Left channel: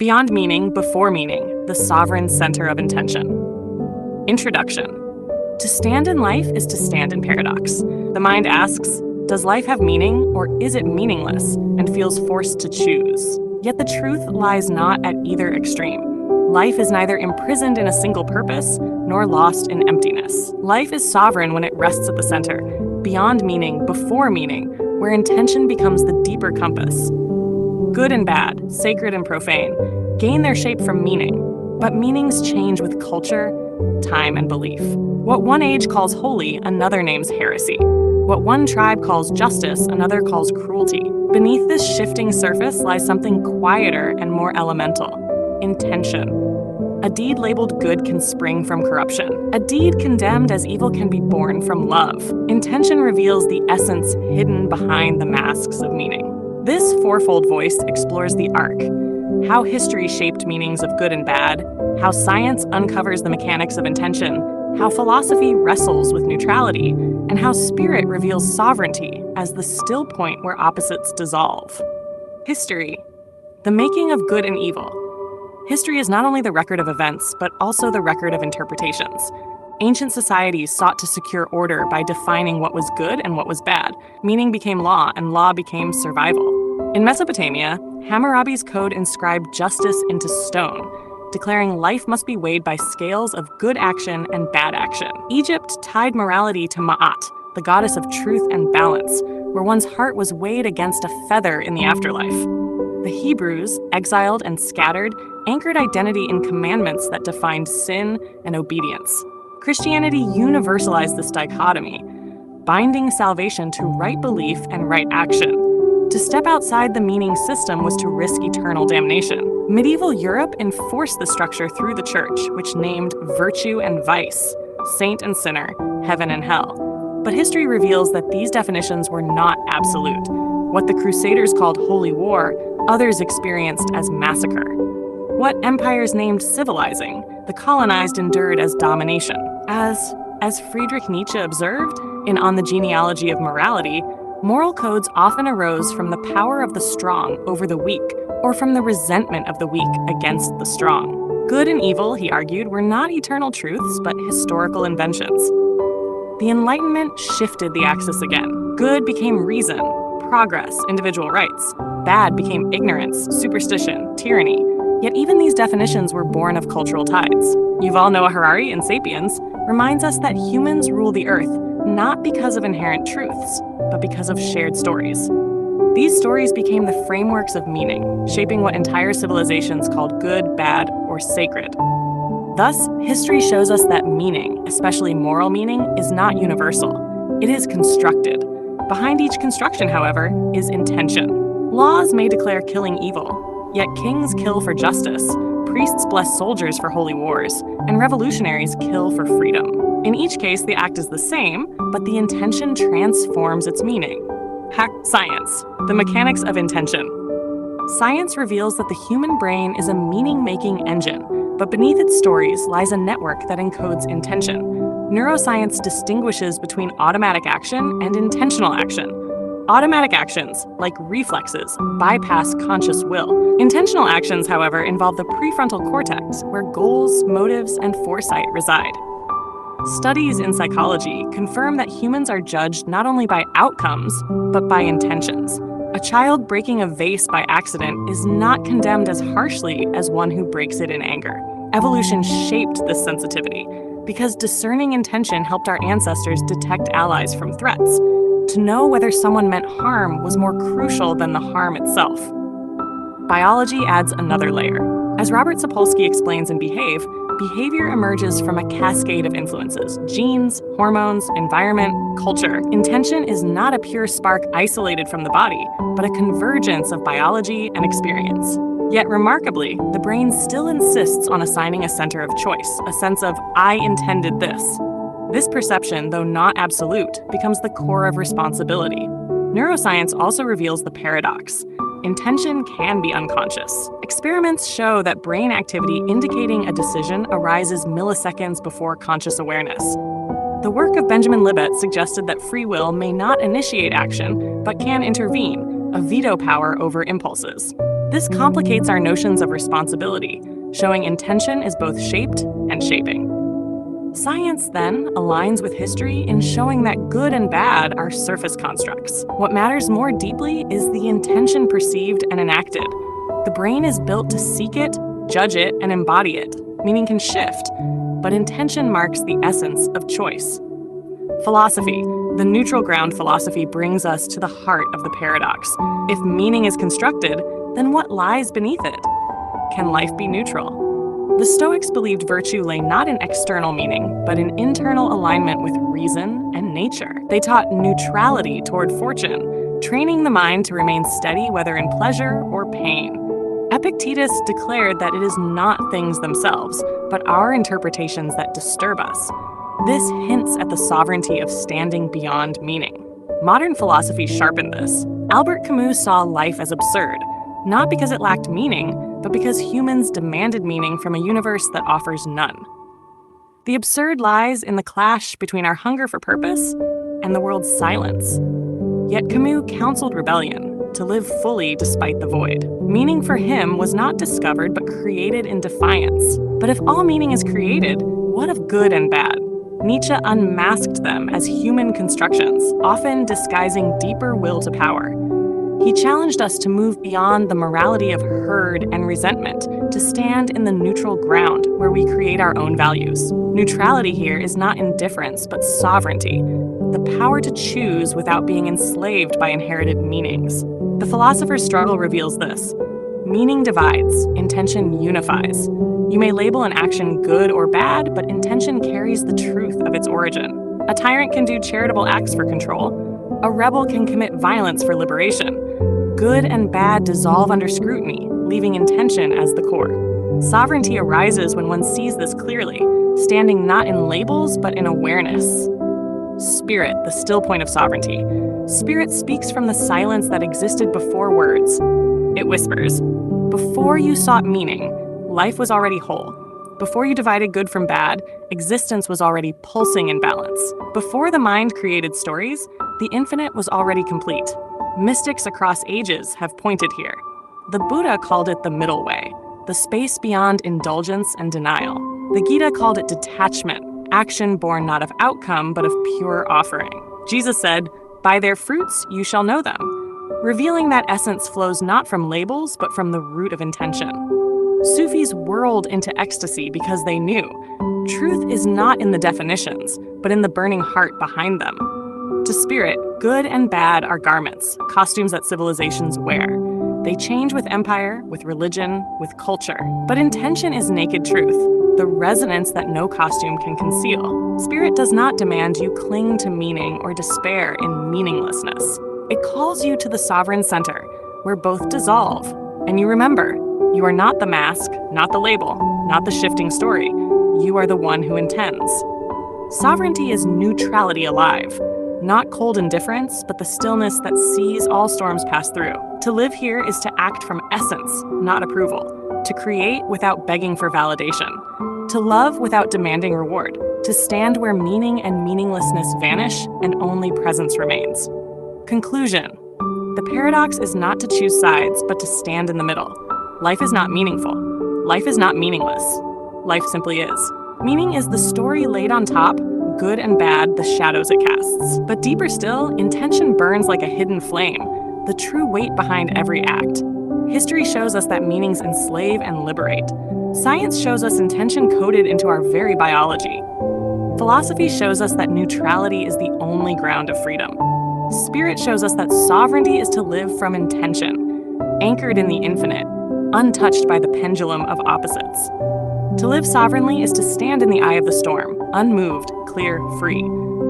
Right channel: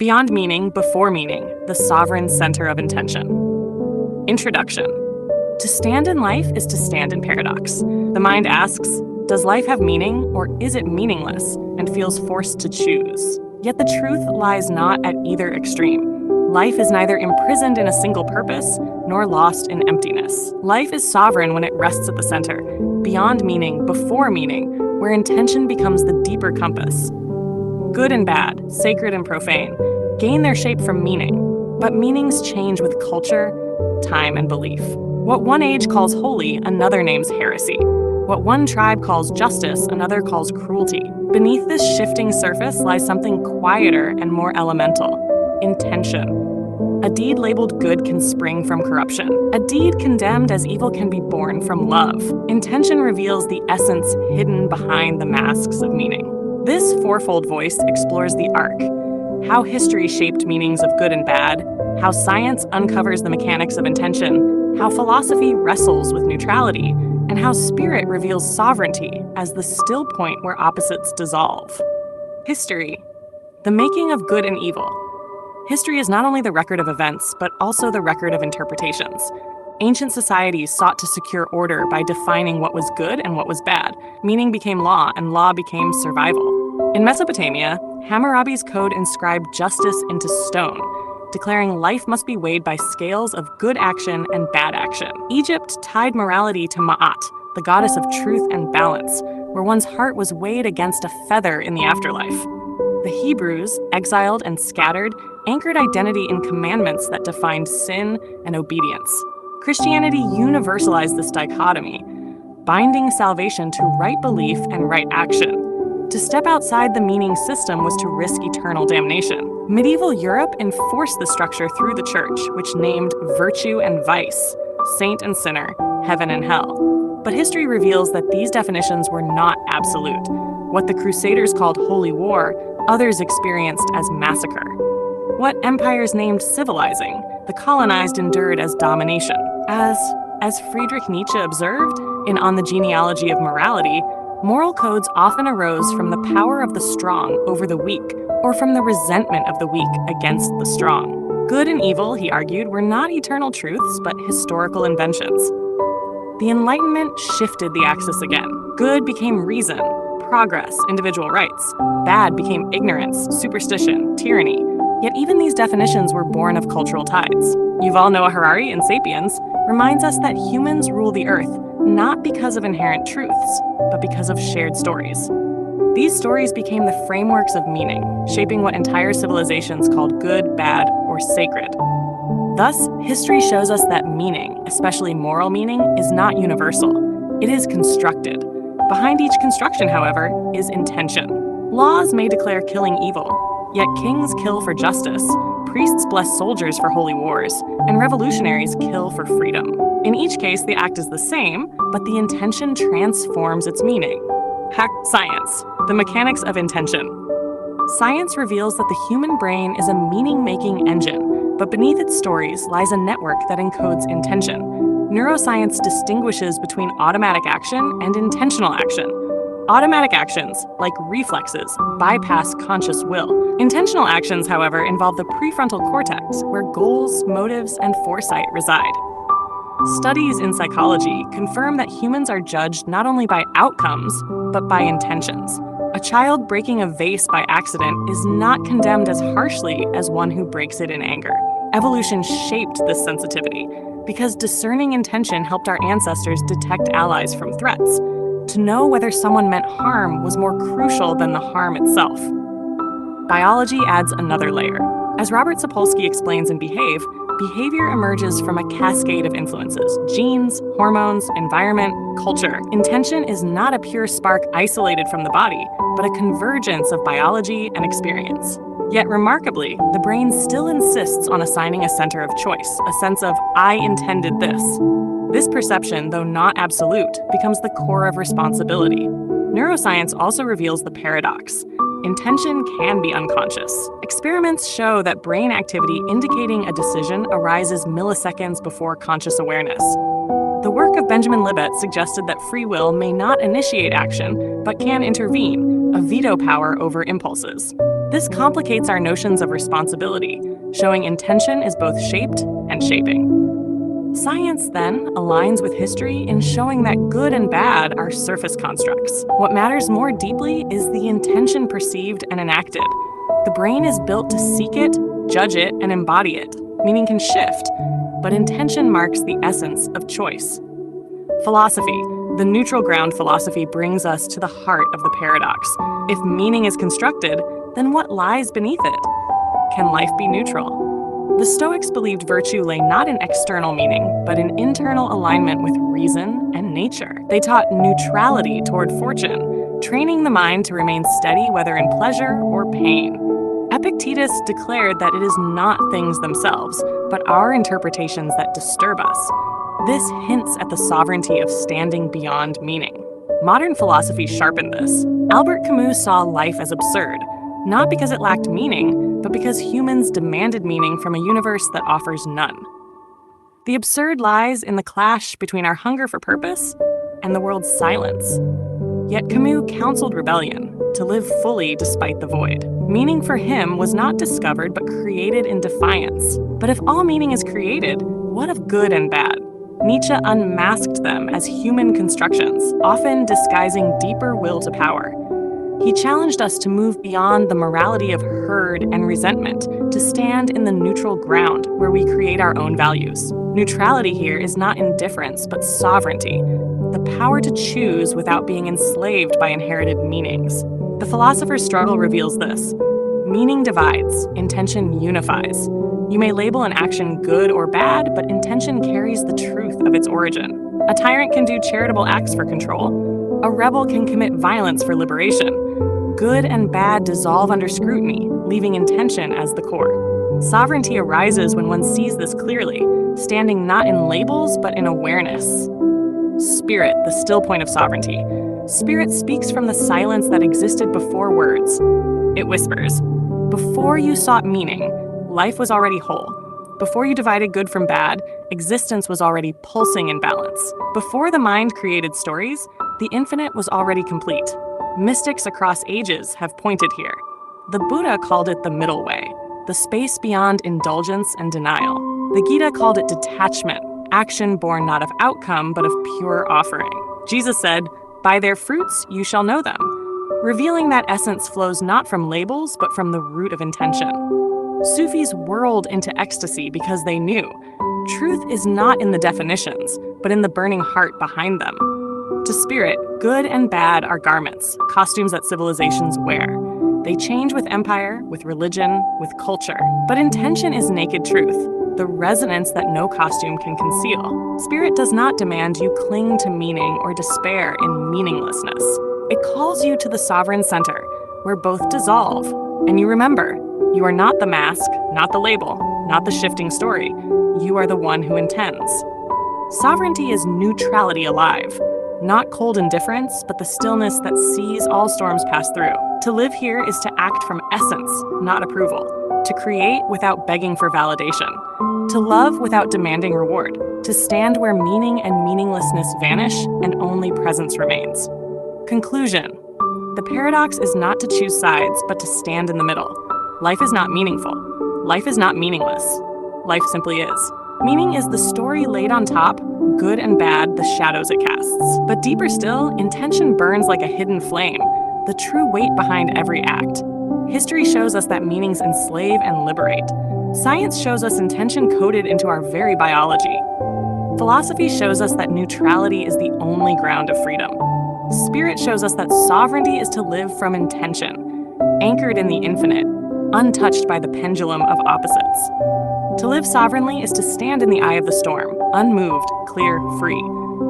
Beyond meaning, before meaning, the sovereign center of intention. Introduction. To stand in life is to stand in paradox. The mind asks, does life have meaning, or is it meaningless, and feels forced to choose? Yet the truth lies not at either extreme. Life is neither imprisoned in a single purpose, nor lost in emptiness. Life is sovereign when it rests at the center, beyond meaning, before meaning, where intention becomes the deeper compass. Good and bad, sacred and profane, gain their shape from meaning, but meanings change with culture, time, and belief. What one age calls holy, another names heresy. What one tribe calls justice, another calls cruelty. Beneath this shifting surface lies something quieter and more elemental: intention. A deed labeled good can spring from corruption. A deed condemned as evil can be born from love. Intention reveals the essence hidden behind the masks of meaning. This fourfold voice explores the arc: how history shaped meanings of good and bad, how science uncovers the mechanics of intention, how philosophy wrestles with neutrality, and how spirit reveals sovereignty as the still point where opposites dissolve. History, the making of good and evil. History is not only the record of events, but also the record of interpretations. Ancient societies sought to secure order by defining what was good and what was bad. Meaning became law, and law became survival. In Mesopotamia, Hammurabi's code inscribed justice into stone, declaring life must be weighed by scales of good action and bad action. Egypt tied morality to Ma'at, the goddess of truth and balance, where one's heart was weighed against a feather in the afterlife. The Hebrews, exiled and scattered, anchored identity in commandments that defined sin and obedience. Christianity universalized this dichotomy, binding salvation to right belief and right action. To step outside the meaning system was to risk eternal damnation. Medieval Europe enforced the structure through the church, which named virtue and vice, saint and sinner, heaven and hell. But history reveals that these definitions were not absolute. What the Crusaders called holy war, others experienced as massacre. What empires named civilizing, the colonized endured as domination. As Friedrich Nietzsche observed in On the Genealogy of Morality, moral codes often arose from the power of the strong over the weak, or from the resentment of the weak against the strong. Good and evil, he argued, were not eternal truths, but historical inventions. The Enlightenment shifted the axis again. Good became reason, progress, individual rights. Bad became ignorance, superstition, tyranny. Yet even these definitions were born of cultural tides. Yuval Noah Harari in *Sapiens* reminds us that humans rule the earth not because of inherent truths, but because of shared stories. These stories became the frameworks of meaning, shaping what entire civilizations called good, bad, or sacred. Thus, history shows us that meaning, especially moral meaning, is not universal. It is constructed. Behind each construction, however, is intention. Laws may declare killing evil, yet kings kill for justice, priests bless soldiers for holy wars, and revolutionaries kill for freedom. In each case, the act is the same, but the intention transforms its meaning. Science, the mechanics of intention. Science reveals that the human brain is a meaning-making engine, but beneath its stories lies a network that encodes intention. Neuroscience distinguishes between automatic action and intentional action. Automatic actions, like reflexes, bypass conscious will. Intentional actions, however, involve the prefrontal cortex, where goals, motives, and foresight reside. Studies in psychology confirm that humans are judged not only by outcomes, but by intentions. A child breaking a vase by accident is not condemned as harshly as one who breaks it in anger. Evolution shaped this sensitivity because discerning intention helped our ancestors detect allies from threats. To know whether someone meant harm was more crucial than the harm itself. Biology adds another layer. As Robert Sapolsky explains in Behave, behavior emerges from a cascade of influences: genes, hormones, environment, culture. Intention is not a pure spark isolated from the body, but a convergence of biology and experience. Yet remarkably, the brain still insists on assigning a center of choice, a sense of "I intended this." This perception, though not absolute, becomes the core of responsibility. Neuroscience also reveals the paradox. Intention can be unconscious. Experiments show that brain activity indicating a decision arises milliseconds before conscious awareness. The work of Benjamin Libet suggested that free will may not initiate action, but can intervene, a veto power over impulses. This complicates our notions of responsibility, showing intention is both shaped and shaping. Science, then, aligns with history in showing that good and bad are surface constructs. What matters more deeply is the intention perceived and enacted. The brain is built to seek it, judge it, and embody it. Meaning can shift, but intention marks the essence of choice. Philosophy. The neutral ground philosophy brings us to the heart of the paradox. If meaning is constructed, then what lies beneath it? Can life be neutral? The Stoics believed virtue lay not in external meaning, but in internal alignment with reason and nature. They taught neutrality toward fortune, training the mind to remain steady whether in pleasure or pain. Epictetus declared that it is not things themselves, but our interpretations that disturb us. This hints at the sovereignty of standing beyond meaning. Modern philosophy sharpened this. Albert Camus saw life as absurd, not because it lacked meaning, but because humans demanded meaning from a universe that offers none. The absurd lies in the clash between our hunger for purpose and the world's silence. Yet Camus counseled rebellion, to live fully despite the void. Meaning for him was not discovered but created in defiance. But if all meaning is created, what of good and bad? Nietzsche unmasked them as human constructions, often disguising deeper will to power. He challenged us to move beyond the morality of herd and resentment, to stand in the neutral ground where we create our own values. Neutrality here is not indifference, but sovereignty, the power to choose without being enslaved by inherited meanings. The philosopher's struggle reveals this. Meaning divides, intention unifies. You may label an action good or bad, but intention carries the truth of its origin. A tyrant can do charitable acts for control. A rebel can commit violence for liberation. Good and bad dissolve under scrutiny, leaving intention as the core. Sovereignty arises when one sees this clearly, standing not in labels but in awareness. Spirit, the still point of sovereignty. Spirit speaks from the silence that existed before words. It whispers, before you sought meaning, life was already whole. Before you divided good from bad, existence was already pulsing in balance. Before the mind created stories, the infinite was already complete. Mystics across ages have pointed here. The Buddha called it the middle way, the space beyond indulgence and denial. The Gita called it detachment, action born not of outcome but of pure offering. Jesus said, "By their fruits you shall know them," revealing that essence flows not from labels but from the root of intention. Sufis whirled into ecstasy because they knew truth is not in the definitions, but in the burning heart behind them. To spirit, good and bad are garments, costumes that civilizations wear. They change with empire, with religion, with culture. But intention is naked truth, the resonance that no costume can conceal. Spirit does not demand you cling to meaning or despair in meaninglessness. It calls you to the sovereign center, where both dissolve, and you remember, you are not the mask, not the label, not the shifting story. You are the one who intends. Sovereignty is neutrality alive. Not cold indifference, but the stillness that sees all storms pass through. To live here is to act from essence, not approval. To create without begging for validation. To love without demanding reward. To stand where meaning and meaninglessness vanish and only presence remains. Conclusion. The paradox is not to choose sides, but to stand in the middle. Life is not meaningful. Life is not meaningless. Life simply is. Meaning is the story laid on top, good and bad, the shadows it casts. But deeper still, intention burns like a hidden flame, the true weight behind every act. History shows us that meanings enslave and liberate. Science shows us intention coded into our very biology. Philosophy shows us that neutrality is the only ground of freedom. Spirit shows us that sovereignty is to live from intention, anchored in the infinite, untouched by the pendulum of opposites. To live sovereignly is to stand in the eye of the storm, unmoved, clear, free,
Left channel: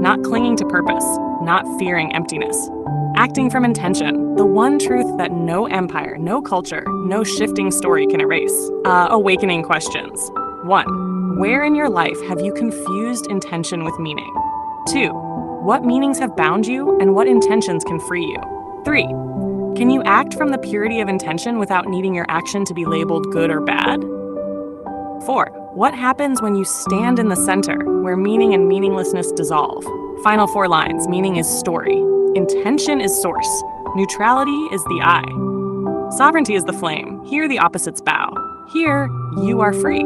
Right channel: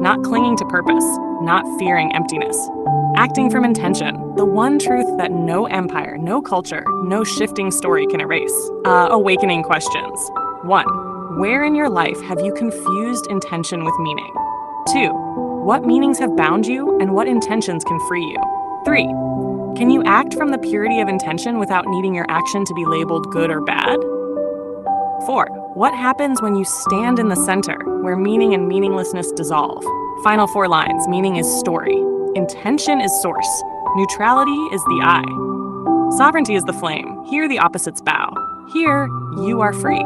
not clinging to purpose, not fearing emptiness. Acting from intention, the one truth that no empire, no culture, no shifting story can erase. Awakening questions. 1. Where in your life have you confused intention with meaning? 2. What meanings have bound you and what intentions can free you? 3. Can you act from the purity of intention without needing your action to be labeled good or bad? 4. What happens when you stand in the center, where meaning and meaninglessness dissolve? Final 4 lines. Meaning is story. Intention is source. Neutrality is the eye. Sovereignty is the flame. Here, the opposites bow. Here, you are free.